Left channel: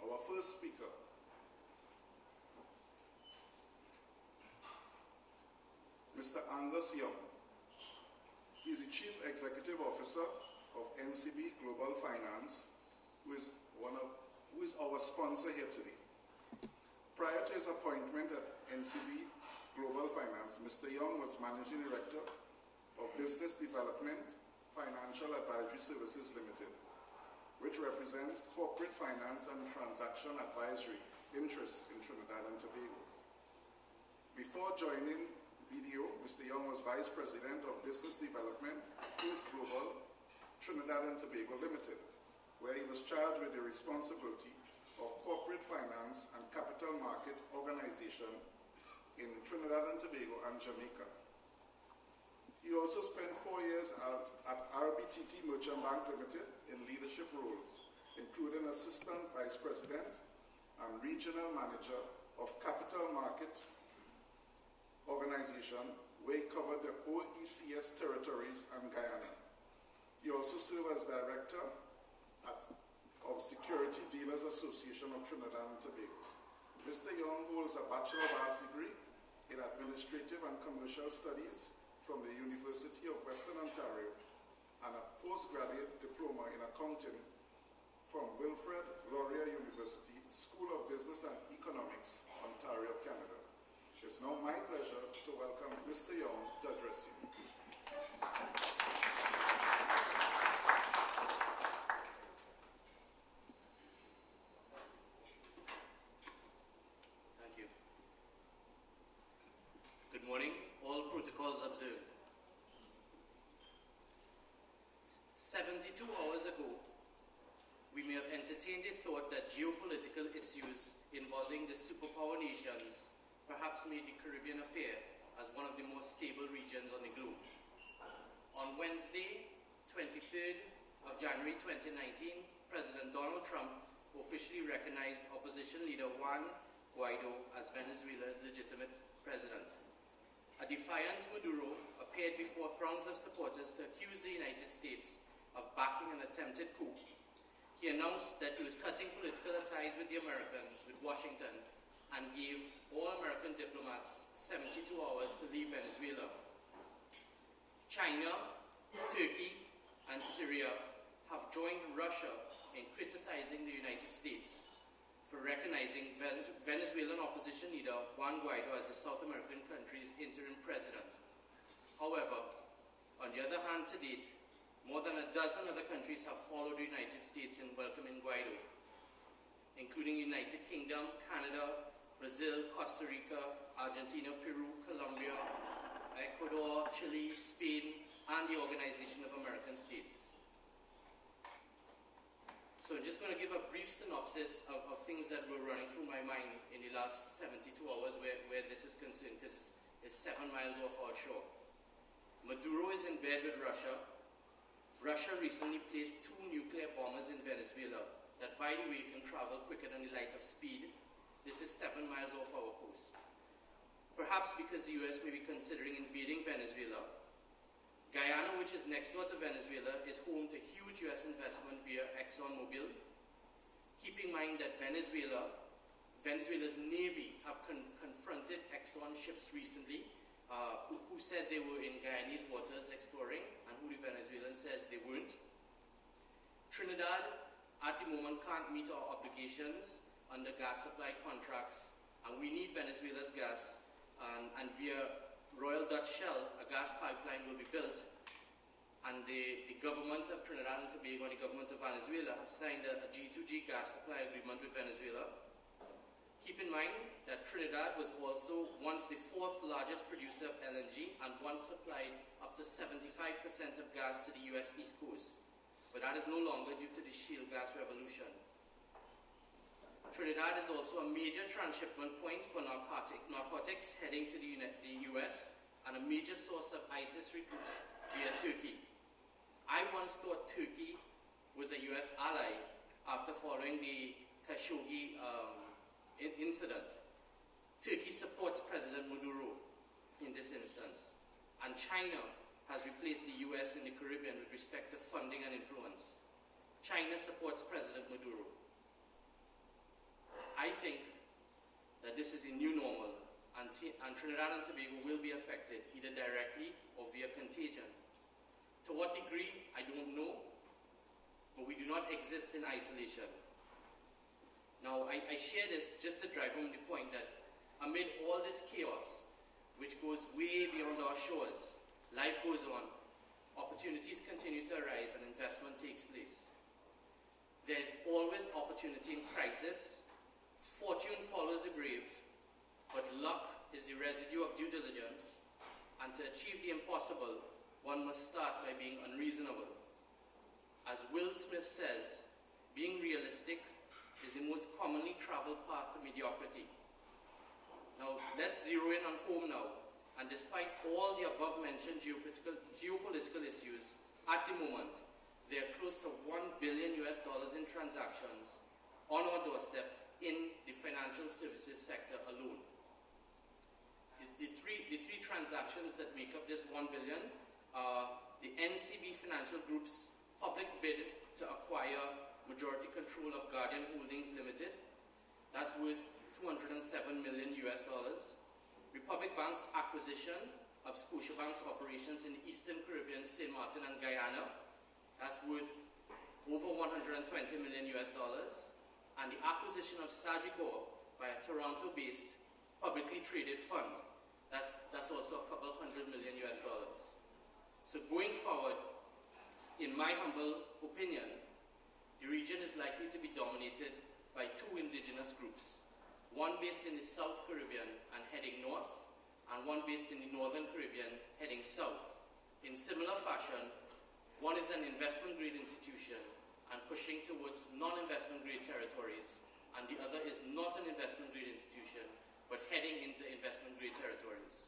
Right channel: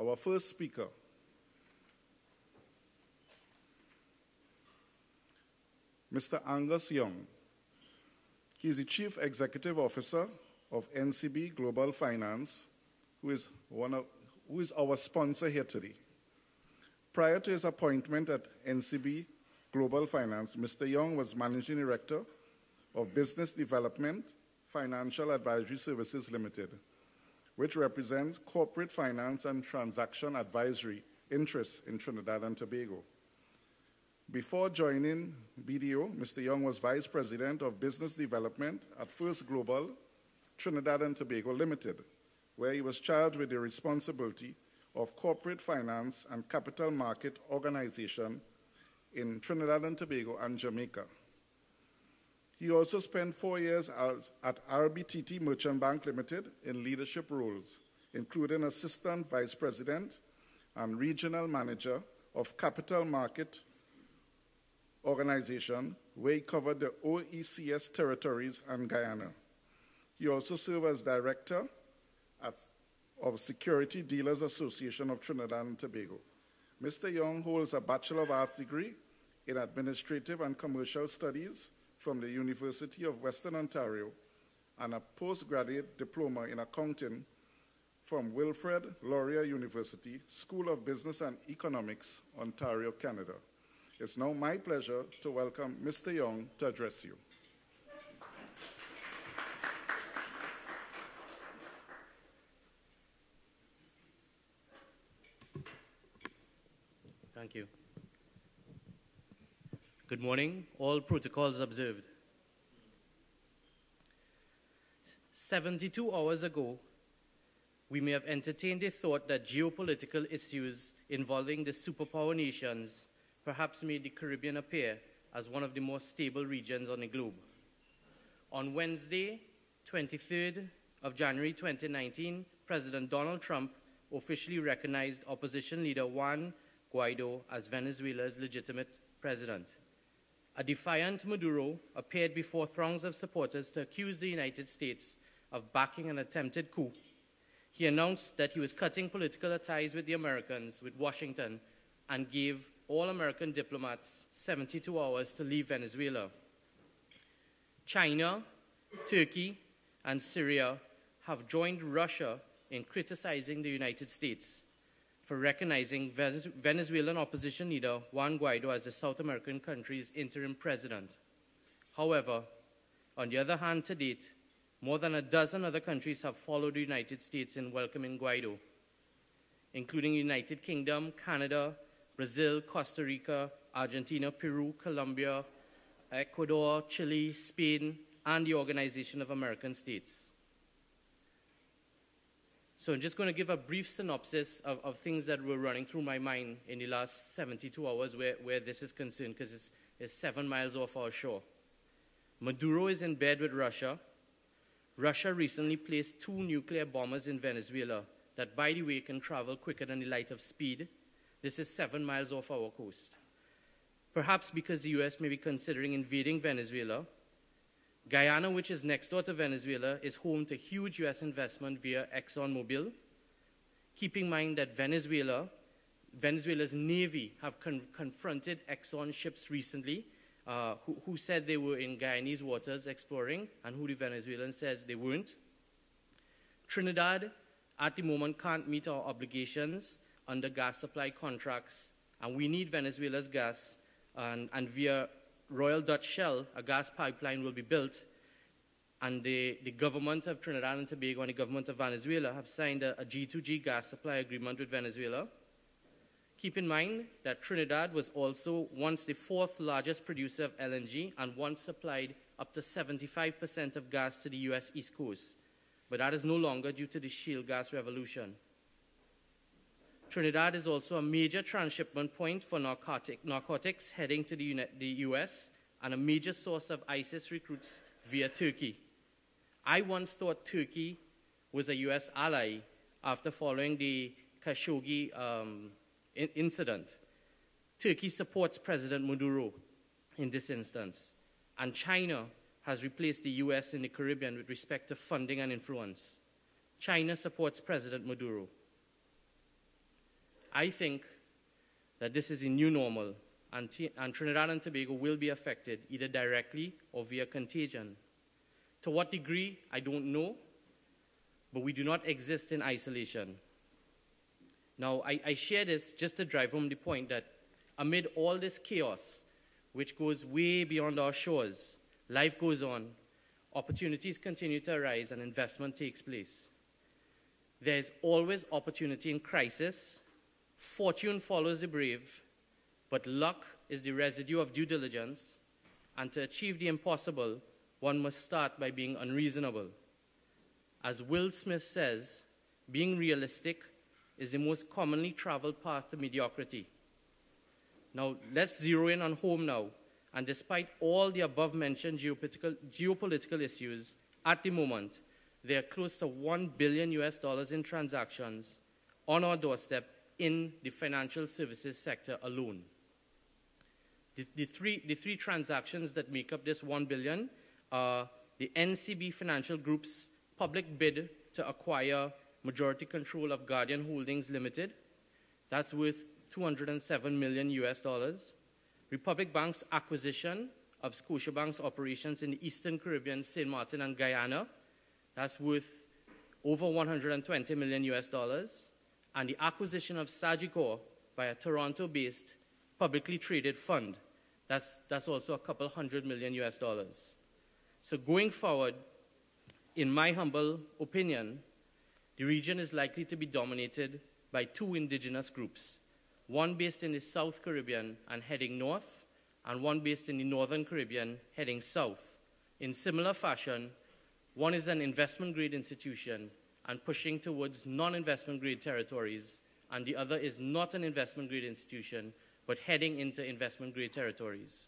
Our first speaker, Mr. Angus Young. He is the Chief Executive Officer of NCB Global Finance, who is our sponsor here today. Prior to his appointment at NCB Global Finance, Mr. Young was Managing Director of Business Development Financial Advisory Services Limited, which represents corporate finance and transaction advisory interests in Trinidad and Tobago. Before joining BDO, Mr. Young was Vice President of Business Development at First Global Trinidad and Tobago Limited, where he was charged with the responsibility of corporate finance and capital market organization in Trinidad and Tobago and Jamaica. He also spent 4 years at RBTT Merchant Bank Limited in leadership roles, including Assistant Vice President and Regional Manager of Capital Market Organization, where he covered the OECS territories and Guyana. He also served as Director of Security Dealers Association of Trinidad and Tobago. Mr. Young holds a Bachelor of Arts degree in Administrative and Commercial Studies from the University of Western Ontario and a postgraduate diploma in accounting from Wilfrid Laurier University, School of Business and Economics, Ontario, Canada. It's now my pleasure to welcome Mr. Young to address you. Thank you. Good morning. All protocols observed. 72 hours ago, we may have entertained a thought that geopolitical issues involving the superpower nations perhaps made the Caribbean appear as one of the more stable regions on the globe. On Wednesday, 23rd of January 2019, President Donald Trump officially recognized opposition leader Juan Guaido as Venezuela's legitimate president. A defiant Maduro appeared before throngs of supporters to accuse the United States of backing an attempted coup. He announced that he was cutting political ties with the Americans, with Washington, and gave all American diplomats 72 hours to leave Venezuela. China, Turkey, and Syria have joined Russia in criticizing the United States for recognizing Venezuelan opposition leader Juan Guaido as the South American country's interim president. However, on the other hand, to date, more than a dozen other countries have followed the United States in welcoming Guaido, including the United Kingdom, Canada, Brazil, Costa Rica, Argentina, Peru, Colombia, Ecuador, Chile, Spain, and the Organization of American States. So I'm just going to give a brief synopsis of things that were running through my mind in the last 72 hours where this is concerned, because it's 7 miles off our shore. Maduro is in bed with Russia. Russia recently placed 2 nuclear bombers in Venezuela that, by the way, can travel quicker than the light of speed. This is 7 miles off our coast. Perhaps because the US may be considering invading Venezuela, Guyana, which is next door to Venezuela, is home to huge US investment via ExxonMobil. Keep in mind that Venezuela's Navy have confronted Exxon ships recently who said they were in Guyanese waters exploring, and who the Venezuelan says they weren't. Trinidad, at the moment, can't meet our obligations under gas supply contracts, and we need Venezuela's gas, and via Royal Dutch Shell, a gas pipeline will be built, and the government of Trinidad and Tobago and the government of Venezuela have signed a G2G gas supply agreement with Venezuela. Keep in mind that Trinidad was also once the 4th largest producer of LNG and once supplied up to 75% of gas to the US East Coast, but that is no longer due to the shale gas revolution. Trinidad is also a major transshipment point for narcotics heading to the US, and a major source of ISIS recruits via Turkey. I once thought Turkey was a US ally after following the Khashoggi incident. Turkey supports President Maduro in this instance, and China has replaced the US in the Caribbean with respect to funding and influence. China supports President Maduro. I think that this is a new normal, and Trinidad and Tobago will be affected either directly or via contagion. To what degree, I don't know, but we do not exist in isolation. Now, I share this just to drive home the point that amid all this chaos, which goes way beyond our shores, life goes on, opportunities continue to arise, and investment takes place. There's always opportunity in crisis. Fortune follows the brave, but luck is the residue of due diligence, and to achieve the impossible, one must start by being unreasonable. As Will Smith says, being realistic is the most commonly traveled path to mediocrity. Now, let's zero in on home now. And despite all the above-mentioned geopolitical issues, at the moment, there are close to $1 billion in transactions on our doorstep in the financial services sector alone. The three transactions that make up this $1 billion are the NCB Financial Group's public bid to acquire majority control of Guardian Holdings Limited. That's worth $207 million. Republic Bank's acquisition of Scotiabank's operations in the Eastern Caribbean, St. Martin and Guyana. That's worth over $120 million. And the acquisition of Sagicor by a Toronto-based publicly traded fund. That's also a couple $100 million. So going forward, in my humble opinion, the region is likely to be dominated by two indigenous groups, one based in the South Caribbean and heading north, and one based in the Northern Caribbean heading south. In similar fashion, one is an investment-grade institution and pushing towards non-investment grade territories, and the other is not an investment-grade institution, but heading into investment-grade territories.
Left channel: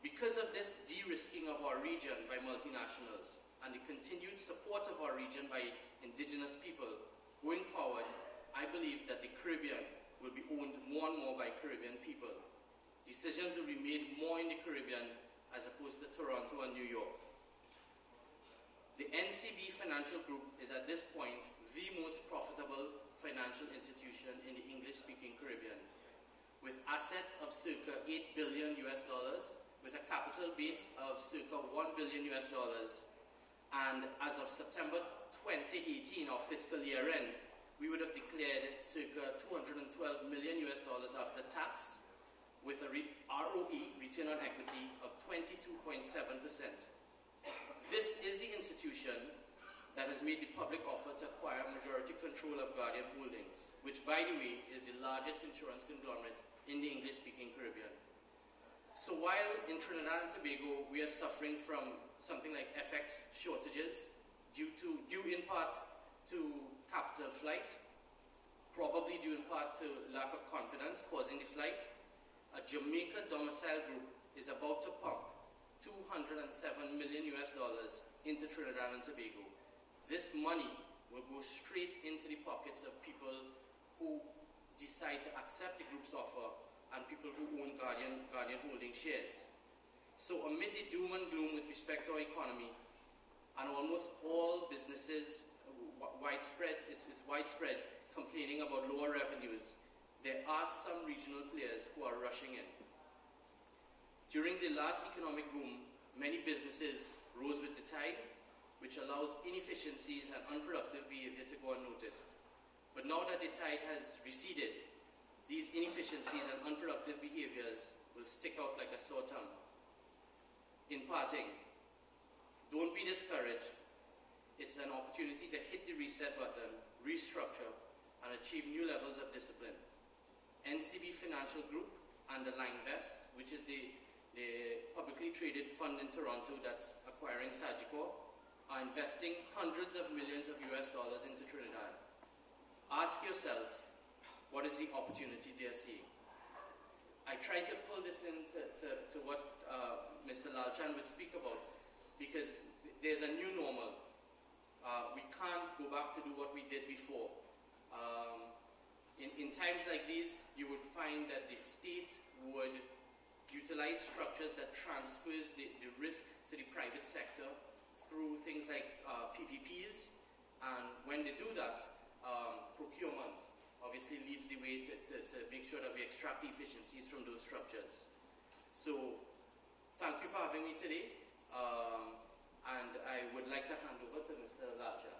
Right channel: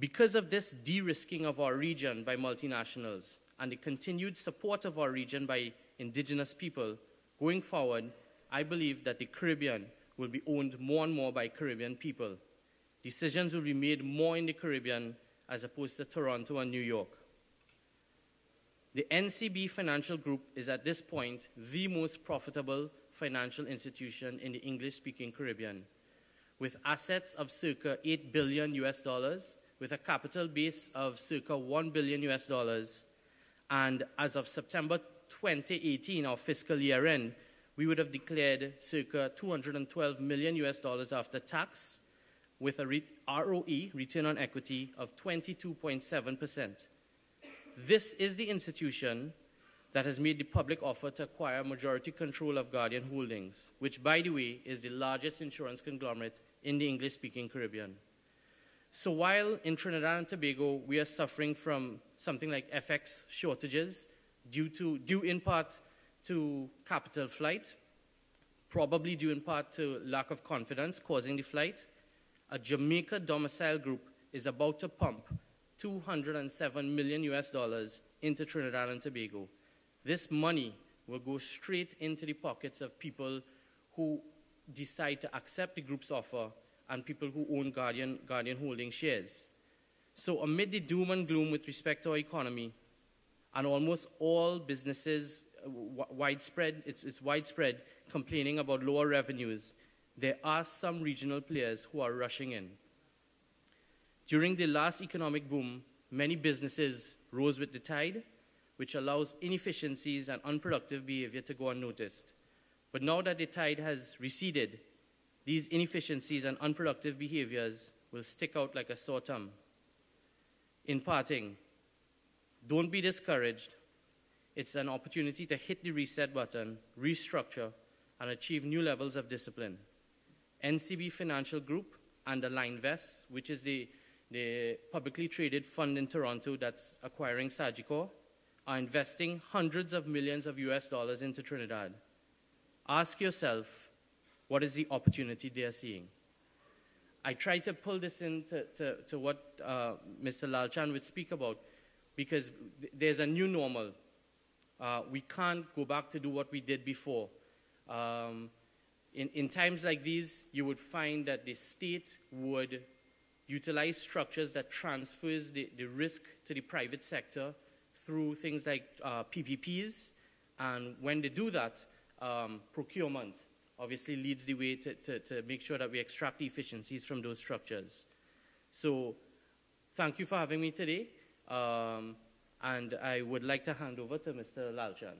Because of this de-risking of our region by multinationals and the continued support of our region by indigenous people, going forward, I believe that the Caribbean will be owned more and more by Caribbean people. Decisions will be made more in the Caribbean as opposed to Toronto and New York. The NCB Financial Group is at this point the most profitable financial institution in the English-speaking Caribbean, with assets of circa $8 billion, with a capital base of circa $1 billion, and as of September 2018, our fiscal year end, we would have declared circa $212 million after tax, with a ROE, return on equity, of 22.7%. This is the institution that has made the public offer to acquire majority control of Guardian Holdings, which, by the way, is the largest insurance conglomerate in the English-speaking Caribbean. So while in Trinidad and Tobago we are suffering from something like FX shortages due in part to capital flight, probably due in part to lack of confidence causing the flight, a Jamaica domicile group is about to pump $207 million into Trinidad and Tobago. This money will go straight into the pockets of people who decide to accept the group's offer and people who own Guardian Holding shares. So amid the doom and gloom with respect to our economy, and almost all businesses, it's widespread, complaining about lower revenues, there are some regional players who are rushing in. During the last economic boom, many businesses rose with the tide, which allows inefficiencies and unproductive behavior to go unnoticed. But now that the tide has receded, these inefficiencies and unproductive behaviors will stick out like a sore thumb. In parting, don't be discouraged. It's an opportunity to hit the reset button, restructure, and achieve new levels of discipline. NCB Financial Group and Linevest, which is the publicly traded fund in Toronto that's acquiring Sagicor, are investing hundreds of millions of US dollars into Trinidad. Ask yourself, what is the opportunity they are seeing? I try to pull this into to what Mr. Lalchan would speak about, because there's a new normal. We can't go back to do what we did before. In times like these, you would find that the state would utilize structures that transfers the risk to the private sector through things like PPPs. And when they do that, procurement obviously leads the way to make sure that we extract the efficiencies from those structures. So thank you for having me today. And I would like to hand over to Mr. Lalchan.